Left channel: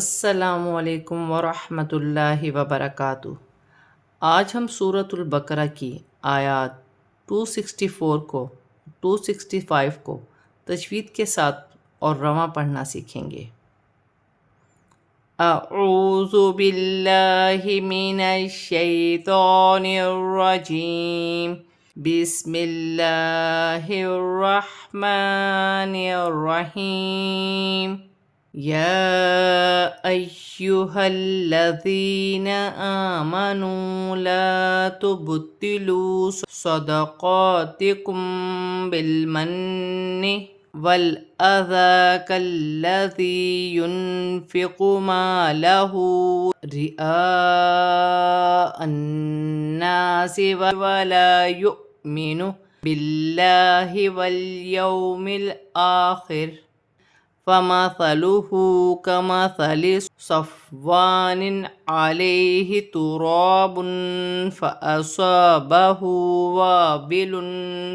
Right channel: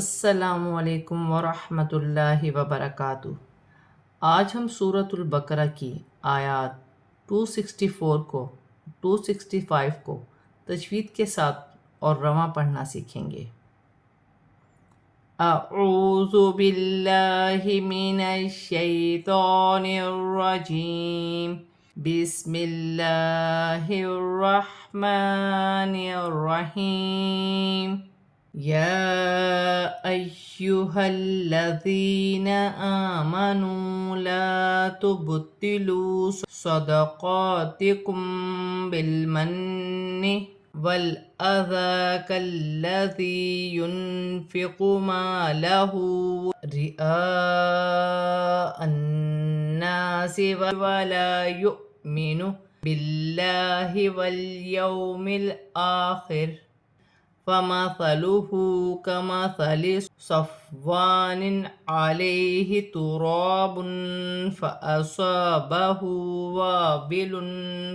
السلام علیکم ورحمۃ اللہ وبرکاتہ۔ آج ہم سورۃ البقرہ کی آیات 264 کو 265 کو تجوید کے ساتھ اور رواں پڑھنا سیکھیں گے۔ اعوذ باللہ من الشیطان الرجیم، بسم اللہ الرحمن الرحیم۔ يا أيها الذين آمنوا لا تبطلوا صدقاتكم بالمن والأذى كالذي ينفق ماله رئاء الناس ولا يؤمن بالله واليوم الآخر فمثله كمثل صفوان عليه تراب فأصابه وابل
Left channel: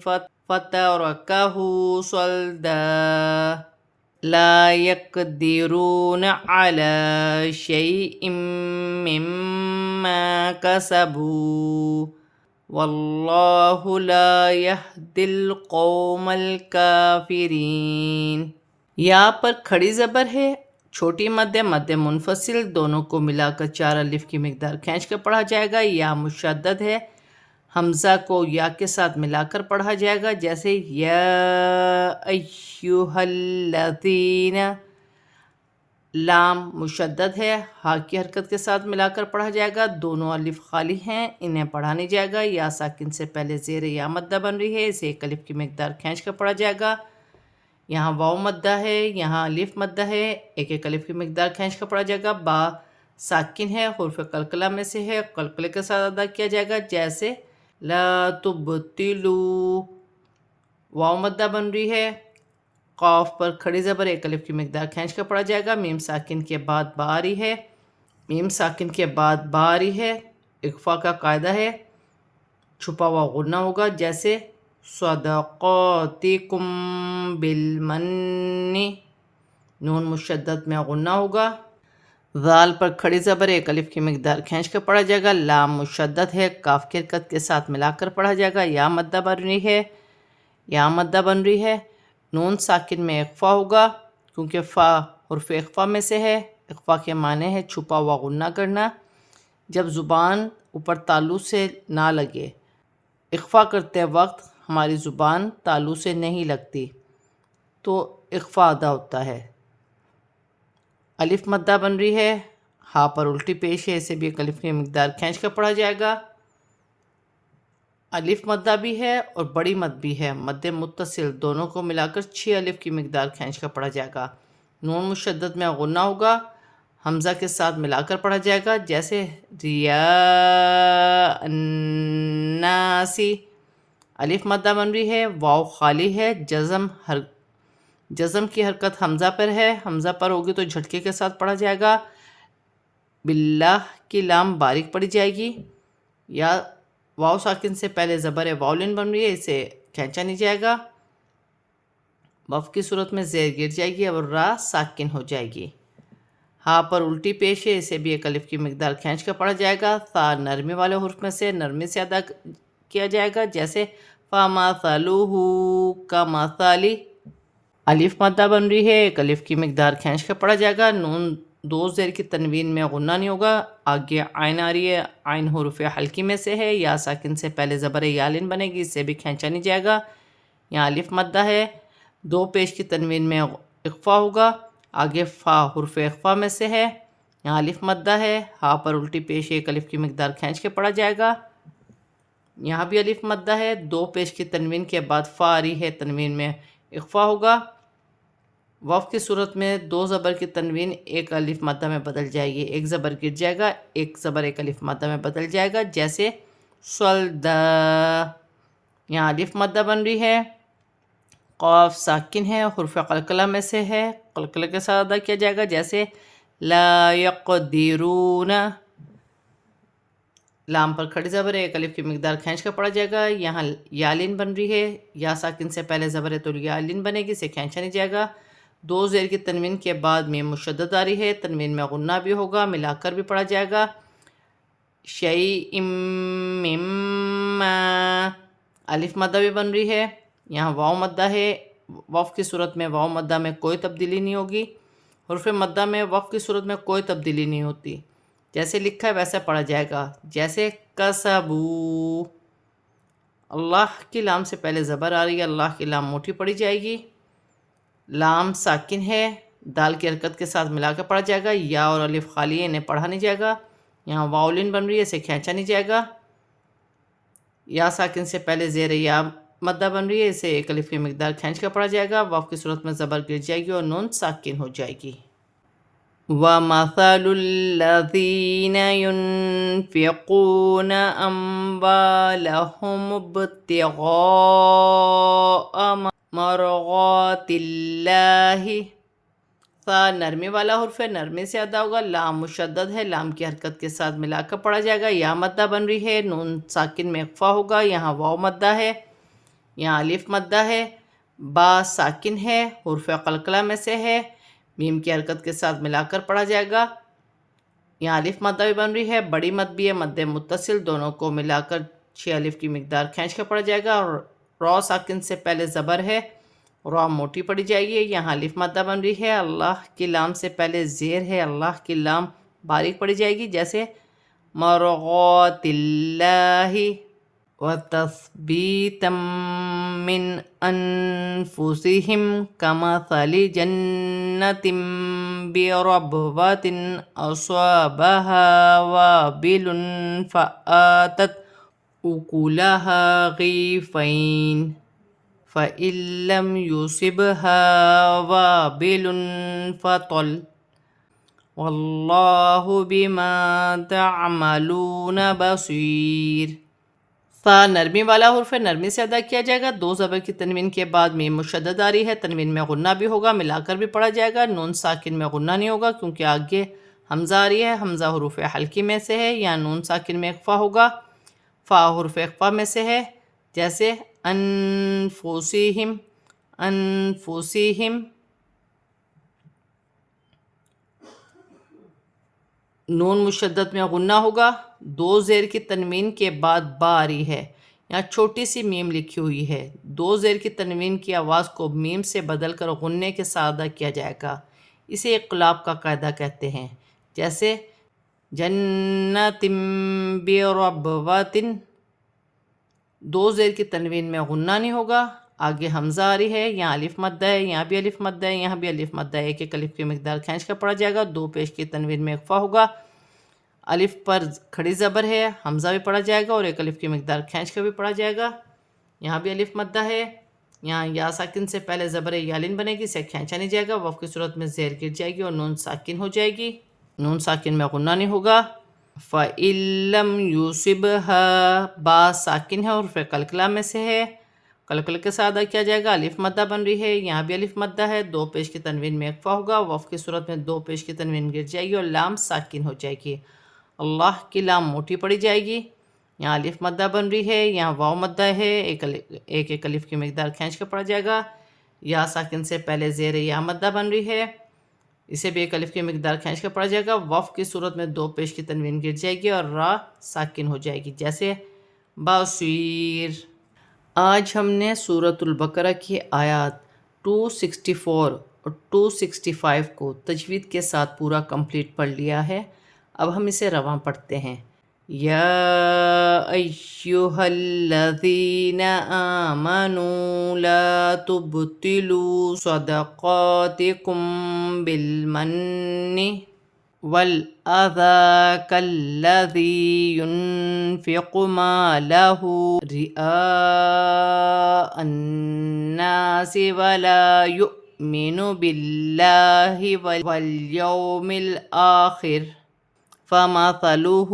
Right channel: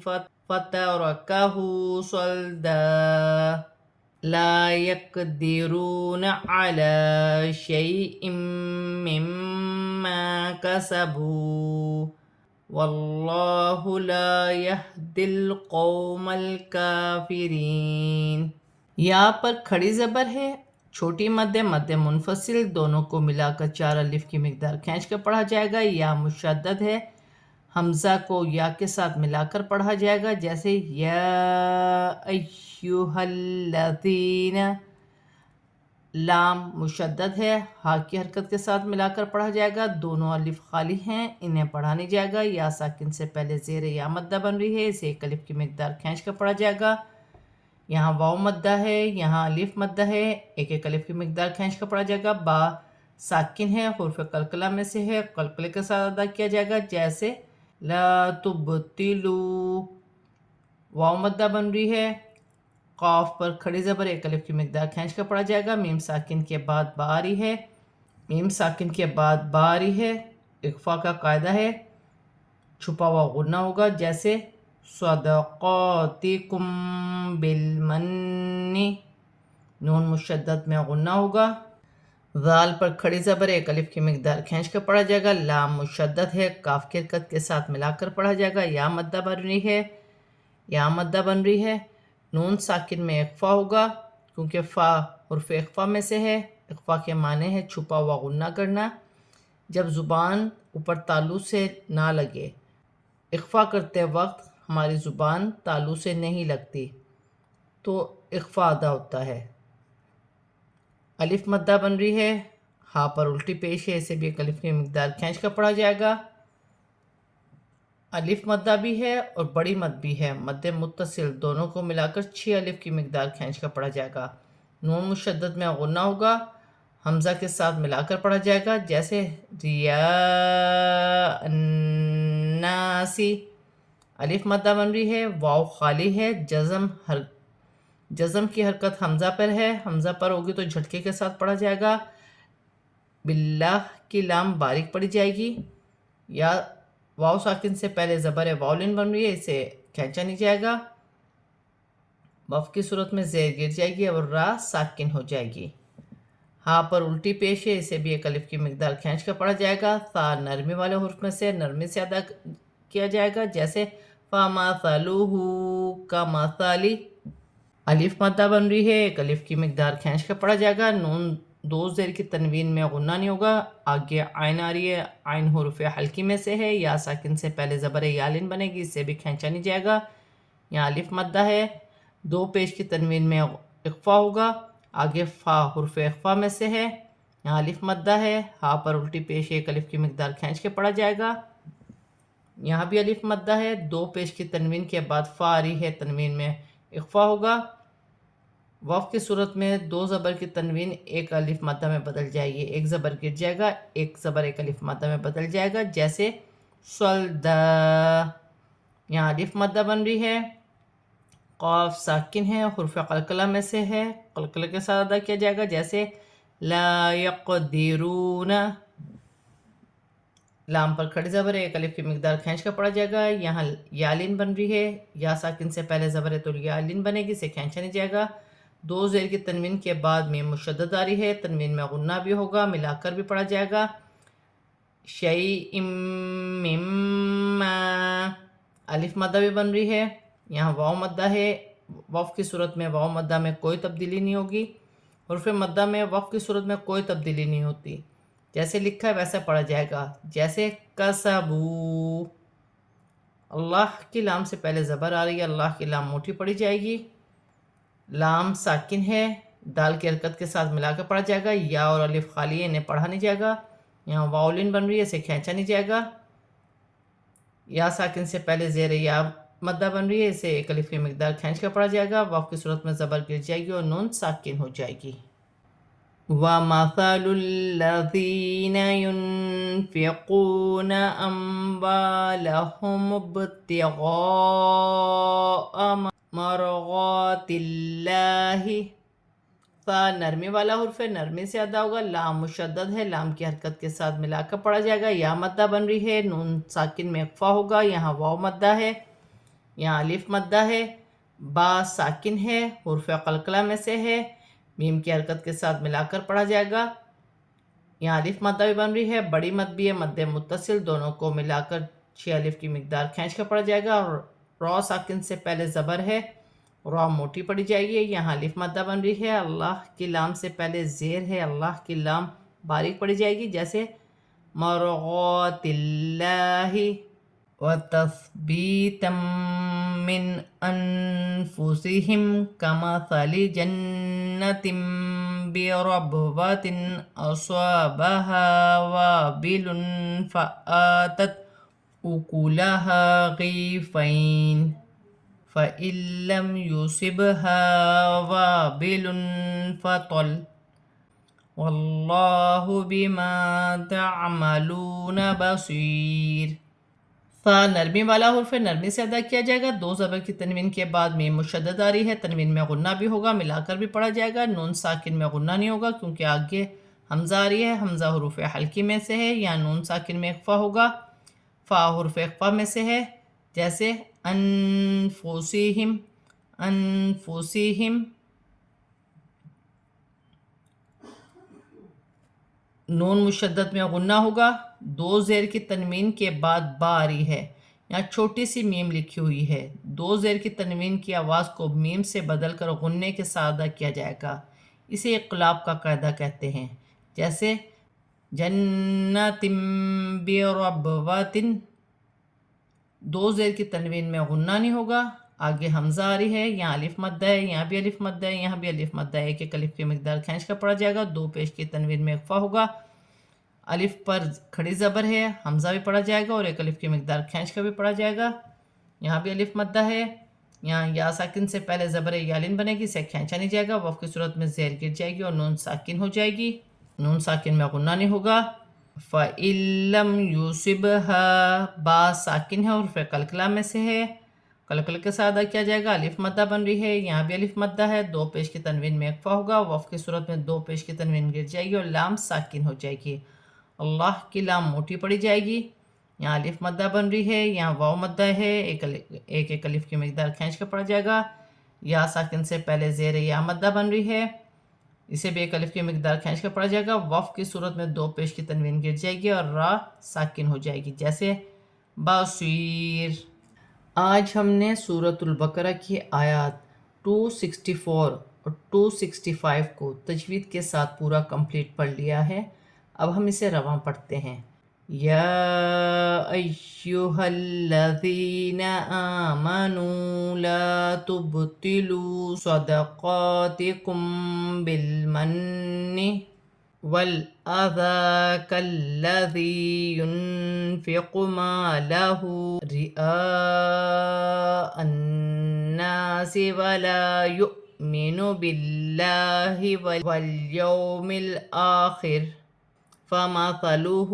فتركه صلدا لا يقدرون على شيء مما كسبوا والله لا يهدي القوم الكافرين۔ یا پر کھڑی زبر ہے، چھوٹی مد منفصل دونوں کو ملا کر 4 الف کی مقدار کھینچ کر پڑھا جائے گا۔ یا مشدد ہے، حمزہ کو یا کے ساتھ ملا کر پڑھا جائے گا، جیسے یا ایھا الذین۔ لام مشدد ہے، ہا کی حرکت کے ساتھ ملا کر پڑھا جائے گا، دونوں الف خالی ہیں، انہیں پڑھا نہیں جائے گا۔ یا ساکن سے پہلے زیر یا مدہ بن رہی ہے، اسے 1 الف کی مقدار کھینچ کر پڑھا جائے گا۔ یہاں واو مدہ ہے، یہاں الف مدہ ہے، 1 الف کی مقدار کھینچ کر پڑھا جائے گا۔ با ساکن ہے، حروف قلقلہ میں سے ہے، قلقلے کے ساتھ ادا کیا جائے گا، جیسے لا تبتلو۔ واو مدہ بن رہی ہے، قاف پر کھڑی زبر 1 الف کی مقدار کھینچ کر پڑھا جائے گا۔ میم ساکن کے بعد با آ رہی ہے، میم ساکن کے بعد با آ رہی ہے، اخفا کا قاعدہ ہے، چھپا ہوا غنہ ہوگا، جیسے صدقاتکم بالمن۔ نون مشدد میں غنہ ہوگا۔ ذال پر کھڑی زبر 1 الف کی مقدار کھینچ کر پڑھا جائے گا۔ لام مشدد ہے، کاف کی حرکت کے ساتھ ملا کر پڑھا جائے گا۔ یا مدہ بن رہی ہے، یا مدہ بن رہی ہے، نون ساکن میں اخفا ہوگا، کیونکہ فا حرف اخفا میں سے ہے۔ اخفا کے معنی ہے چھپا ہوا غنہ کرنا، جب زبان اوپر تالو سے نہ لگے۔ اخفا کرتے وقت ہماری زبان تالو سے نہیں لگتی تو اخفا ادا ہوتا ہے۔ الف مدہ بن رہی ہے، ہا پر الٹی پیش ہے، اسے بھی 1 الف کی مقدار کھینچ کر پڑھا جائے گا۔ الف مدہ بھی ہے اور بڑی مد بھی ہے، مد متصل دونوں کو ملا کر 6 الف کی مقدار کھینچ کر پڑھا جائے گا۔ نون مشدد میں غنہ ہوگا، حمزہ کے ساتھ ملا کر پڑھا جائے گا، جیسے ریاء الناس۔ الف مدہ بن رہی ہے، واو خالی ہے، جزم کی حرکت حمزہ پر ہے، حمزہ پر ہوگی تو جھٹکے کے ساتھ پڑھا جائے گا۔ باللہ کی لام باریک پڑھی جائے گی۔ یا واو ساکن سے پہلے زبر واولن بن رہی ہے، اسے کھینچا نہیں جائے گا، وف کی صورت میں زیر گر جائے گی اور را ساکن ہو جائے گی۔ ہاں پر الٹی پیش ہے، اسے بھی 1 الف کی مقدار کھینچ کر پڑھا جائے گا۔ ثا نرمی والے حرف میں سے نرمی سے ادا کیا جائے گا، جیسے فَمَثَلُهُ كَمَثَلِ۔ الف مدہ بن رہی ہے، 1 الف کی مقدار کھینچ کر پڑھا جائے گا، نون 2 زیر کی تنوین میں غنہ نہیں ہوگا۔ آگے عین آ رہی ہے، عین حروف حلقی میں سے ہے، یا ساکن سے پہلے زبر یالن بنے گی، اس سے بھی کھینچا نہیں جائے گا۔ یہاں الف مدہ ہے، 2 پیش کی تنوین میں اخفا ہوگا، آگے فا حرف اخفا میں سے ہے، یہاں الف مدہ ہے، ہا پر الٹی پیش 1 الف کی مقدار کھینچ کے پڑھا جائے گا۔ یہاں بھی الف مدہ ہے، 2 پیش کی تنوین کے بعد فا آ رہی ہے، تنوین میں اخفا ہوگا۔ وف کی صورت میں 2 زبر کی تنوین 1 الف مدہ میں بدل جائے گی، 1 زبر گر جائے گا، 1 زبر 1 الف مدہ میں بدل جائے گا، جیسے صلدا۔ یہاں الف مدہ بن رہی ہے، قاف ساکن ہے، حرف قلقلہ میں سے ہے، قلقلہ کے ساتھ ادا کیا جائے گا، جیسے لا یقدرون۔ لام پر کھڑی زبر ہے، 1 الف کی مقدار کھینچ کر پڑھا جائے گا۔ یہاں یالین بن رہی ہے، یا ساکن سے پہلے زبر ہے تو یالین بنے گی، اسے کھینچا نہیں جائے گا۔ دو زیر کی تنوین کے بعد میم مشدد آ رہی ہے، تنوین میں غنہ بھی ہوگا، ملا کر بھی پڑھا جائے گا. شیء مما، الف مدہ بھی بن رہی ہے، یہاں واو مدہ ہے. وقف کی صورت میں واو مدہ میں کوئی تبدیلی نہیں ہوگی. حرف مدہ میں وقف کی صورت میں کوئی تبدیلی نہیں ہوتی، جیسے لکھا ہے ویسا پڑھا جائے گا. جیسے کسبو، اللہ کی لام سے پہلے زبر آ رہی ہے، اللہ کی لام موٹی پڑھی جائے گی. لام ساکن ہے، دال کی حرکت کے ساتھ ملا کر پڑھا جائے گا. یا اور الف خالی ہے، انہیں پڑھا نہیں جائے گا. یہاں واولن بن رہی ہے، اسے کھینچا نہیں جائے گا. یا ساکن سے پہلے زیر یا مدہ بن رہی ہے، اسے ایک الف کی مقدار کھینچ کر پڑھا جائے گا. واو کی صورت میں زبر گر جائے گی اور نون ساکن ہو جائے گی. وَمَثَلُ الَّذِينَ يُنْفِقُونَ أَمْوَالَهُمُ ابْتِغَاءَ مَرْضَاتِ اللَّهِ. ثا نرمی والا حرف ہے، نرمی سے ادا ہوگا. لام مشدد ہے، لام کی حرکت کے ساتھ ملا کر پڑھا جائے گا. یا مدہ بن رہی ہے، نون ساکن میں اخفا ہوگا. یہاں واو مدہ ہے، یہاں الف مدہ ہے. با ساکن ہے، حرف قلقلہ میں سے ہے، میم کی حرکت کے ساتھ ملا کر پڑھا جائے گا. یہاں الف مدہ بھی بن رہی ہے، بڑی مد بھی ہے، مد متصل، دونوں کو ملا کر 6 الف کی مقدار کھینچ کر پڑھا جائے گا. اور را ساکن سے پہلے زبر ہے، را موٹی پڑھی جائے گی. یہاں الف مدہ بن رہی ہے، اللہ کی لام سے پہلے زیر ہے، اللہ کی لام باریک پڑھی جائے گی. جیسے مرغات اللہ. وَتَثْبِيتًا مِّنْ أَنفُسِهِمْ كَمَثَلِ جَنَّةٍ بِرَبْوَةٍ أَصَابَهَا وَابِلٌ فَآتَتْ أُكُلَهَا ضِعْفَيْنِ فَإِن لَّمْ يُصِبْهَا وَابِلٌ فَطَلٌّ وَاللَّهُ بِمَا تَعْمَلُونَ بَصِيرٌ. فا نرمی والا حرف ہے، نرمی سے ادا کیا جائے گا. دو زبر کی تنوین کے بعد میم مشدد آ رہی ہے، تنوین میں غنہ بھی ہوگا، ملا کر بھی پڑھا جائے گا. نون ساکن میں غنہ نہیں ہوگا کیونکہ آگے حمزہ آ رہی ہے، حمزہ حروف حلقی میں سے ہے. یا نون ساکن میں اخفا ہوگا، فا حرف اخفا میں سے ہے. جیسے انفسہم، انفسہم. نون مشدد میں غنہ ہوگا. دو زیر کی تنوین کے بعد با آ رہی ہے، یہاں چھوٹی سی میم لکھی ہوئی ہے. دو زیر کی تنوین کی آواز کو میم سے بدل کر غنے کے ساتھ ادا کیا جائے گا، اسے اقلاب کا قاعدہ کہتے ہیں. جیسے جنات بربوۃ. دو زیر کی تنوین میں غنہ نہیں ہوگا، آگے حمزہ آ رہی ہے، یہاں الف مدہ ہے، یہاں بھی الف مدہ ہے، یہاں بھی الف مدہ ہے. ایک ایک الف کی مقدار کھینچ کر پڑھا جائے گا. دو پیش کی تنوین میں اخفا ہوگا، الف پر کھڑی زبر ہے، حمزہ بھی پڑھا جائے گا اور ایک الف کی مقدار کھینچ کر بھی پڑھا جائے گا. یہاں بھی الف مدہ ہے، یہاں یا ساکن سے پہلے زبر یالن بنے گی، اسے کھینچا نہیں جائے گا. وقف کی صورت میں زیر گر جائے گی اور نون ساکن ہو جائے گی. نون ساکن میں غنہ نہیں ہوگا. فَإِن لَّمْ يُصِبْهَا، با ساکن ہے، حرف قلقلہ میں سے ہے، قلقلہ کے ساتھ ادا کیا جائے گا. الف مدہ بن رہی ہے، یہاں بھی الف مدہ ہے. دو پیش کی تنوین میں اخفا ہوگا، وقف کی صورت میں دو پیش کی تنوین گر جائے گی اور لام ساکن ہو جائے گی. اللہ کی لام موٹی پڑھی جائے گی. یہاں الف مدہ بن رہی ہے، یہاں واو مدہ ہے، ایک ایک الف کی مقدار کھینچ کر پڑھا جائے گا. یا ساکن سے پہلے زیر یا مدہ بن رہی ہے، اسے بھی ایک الف کی مقدار کھینچ کر پڑھا جائے گا. وقف کی صورت میں دو پیش کی تنوین گر جائے گی اور را ساکن ہو جائے گی. جیسے بصیر. آج ہم نے سورۃ البقرہ کی آیات 264 اور 265 کو تجوید کے ساتھ پورا کمپلیٹ پڑھ لیا ہے. اب ہم اسے رواں پڑھتے ہیں. یا ایہا الذین آمنوا لا تبطلوا صدقاتکم بالمن والأذى كالذي ينفق ماله رئاء الناس ولا يؤمن بالله واليوم الآخر فمثله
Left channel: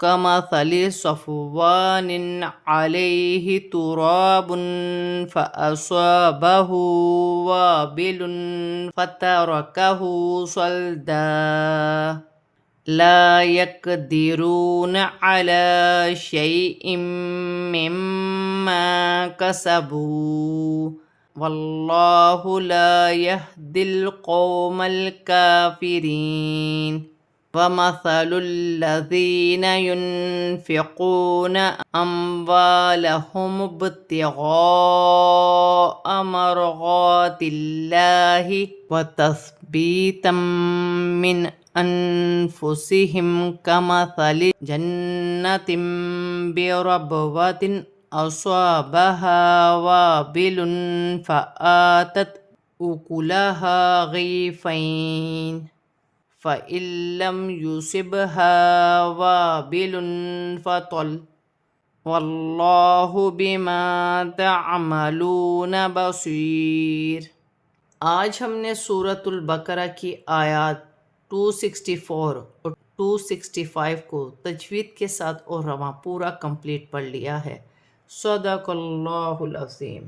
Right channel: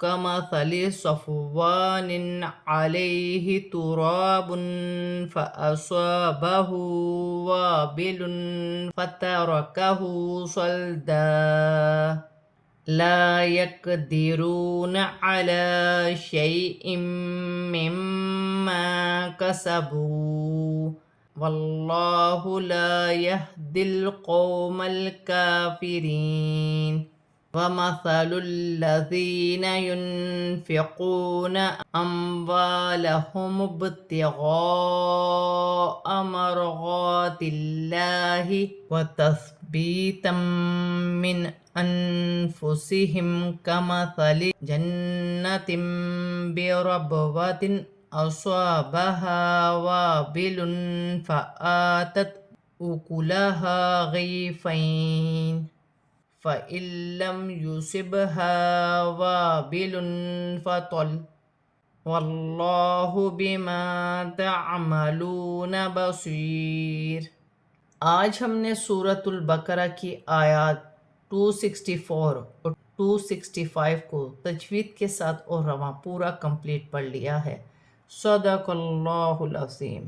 كمثل صفوان عليه تراب فأصابه وابل فتركه صلدا لا يقدرون على شيء مما كسبوا واللہ لا يهدي القوم الكافرين ومثل الذين ينفقون أموالهم ابتغاء مرضات الله وتثبيتا من أنفسهم كمثل جنة بربوة أصابها وابل فآتت أكلها ضعفين فإن لم يصبها وابل فطل واللہ بما تعملون بصیر۔ آج ہم نے سورۃ البقرہ کی آیات 264 اور 265 کو تجوید کے ساتھ اور رواں پورا کمپلیٹ پڑھ لیا ہے۔ صدق اللہ العظیم۔